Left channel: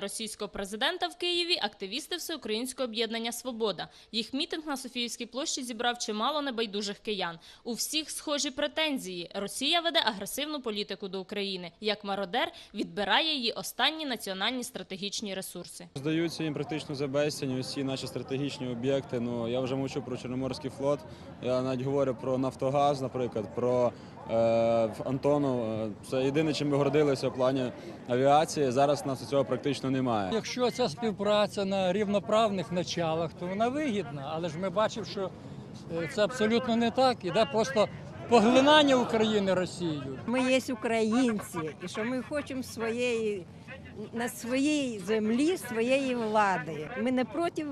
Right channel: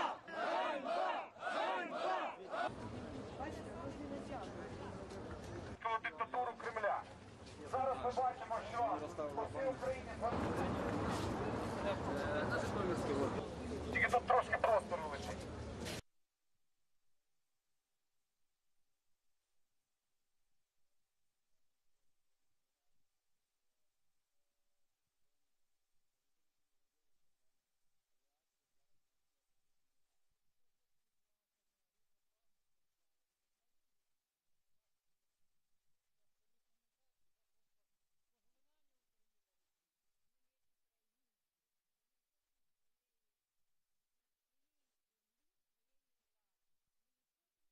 російського президента в Києві активісти Всеукраїнського об'єднання Свобода. Їх мітинг на Софіївській площі зібрав чимало небайдужих киян. У всіх схожі претензії. Росія веде агресивну політику до України. Як мародер відбирає її останні національні стратегічні ресурси. Здаються їм практично за безцінь усі наші стратегічні об'єкти. Ну я вже мовчу про Чорноморський флот. Я навіть говорю про Нафтогаз, наприклад, про е, Антону. Е, Це єдине, чим ми гордилися в плані авіації. Зараз у нас цього практично немає. Якщо ця співпраця на рівноправних началах, то вона вигідна. Але ж ми бачимо, що е, це абсолютно не так. Іде просто поглинання України Росією. Ми є українці, і що ми хочемо своєї на своїй землі своєї влади. Ми не проти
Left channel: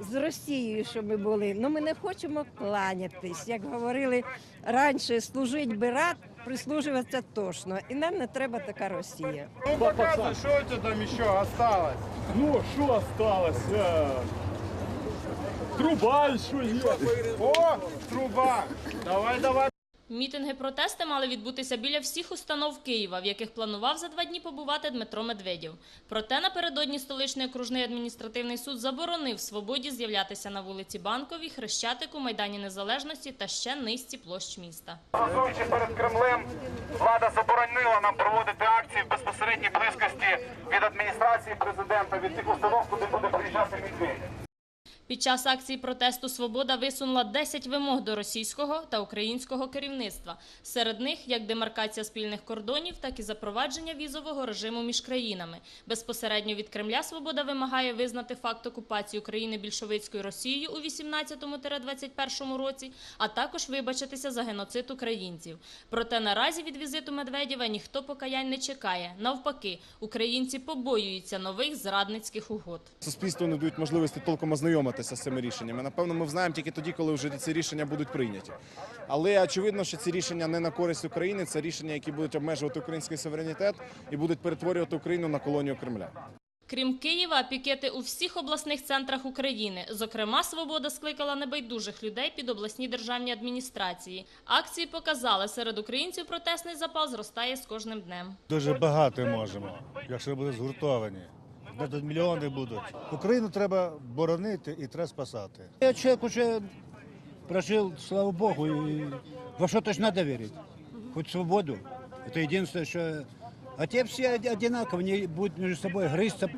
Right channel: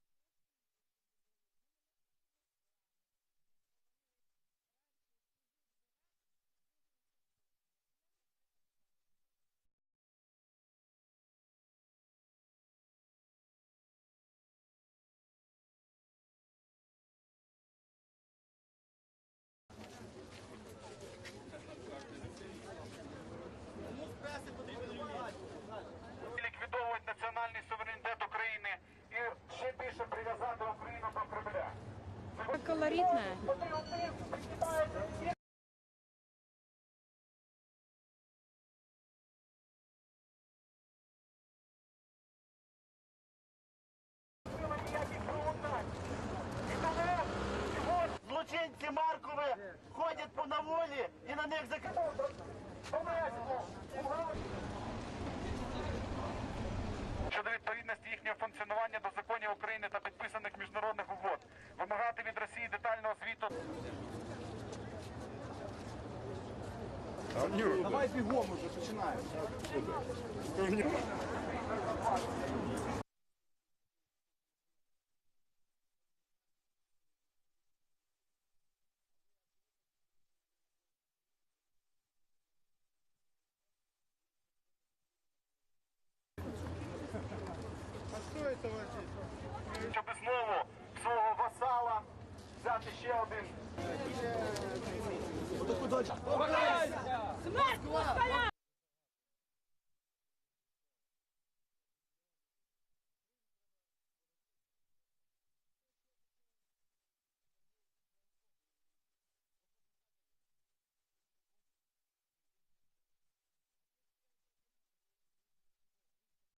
з Росією, щоб ми були, але ми не хочемо кланятись. Як говорили раніше, служить би рад, прислужуватися точно. І нам не треба така Росія. Ну показуй, що у тебе там ще осталось. Ну, що осталось? Е, Труба ще є. О, труба. Давай, давай. Мітинги протести мали відбутися біля всіх установ Києва, в яких планував за два дні побувати Дмитро Медведєв. Проте напередодні столичний окружний адміністративний суд заборонив свободі з'являтися на вулиці Банковій, Хрещатику, Майдані Незалежності та ще низці площ міста. Стоячи перед Кремлем, влада заборонила нам проводити акції в безпосередній близькості від адміністрації президента, від тих установ, куди буде приїжджати. Під час акції протесту Свобода висунула 10 вимог до російського та українського керівництва. Серед них як демаркація спільних кордонів, так і запровадження візового режиму між країнами. Безпосередньо від Кремля Свобода вимагає визнати факт окупації України більшовицькою Росією у 18-21 році, а також вибачитися за геноцид українців. Проте наразі від візиту Медведєва ніхто покаянь не чекає. Навпаки, українці побоюються нових зрадницьких угод. суспільству не дають можливості толком ознайомитися з цими рішеннями. Напевно, ми знаємо тільки тоді, коли вже ці рішення будуть прийняті. Але очевидно, що ці рішення не на користь України, це рішення, які будуть обмежувати український суверенітет і будуть перетворювати Україну на колонію Кремля. Крім Києва, пікети у всіх обласних центрах України. Зокрема, Свобода скликала небайдужих людей під обласні державні адміністрації. Акції показали, серед українців протестний запал зростає з кожним днем. Дуже багато можемо, якщо буде згуртовані. Тут мільйони будуть. Україну треба боронити і треба спасати. Я чоловік уже прожив, слава богу, і во що то ж треба вірити. Хоч свободу. Це єдине, що А те всі од- вони будуть між собою грызться.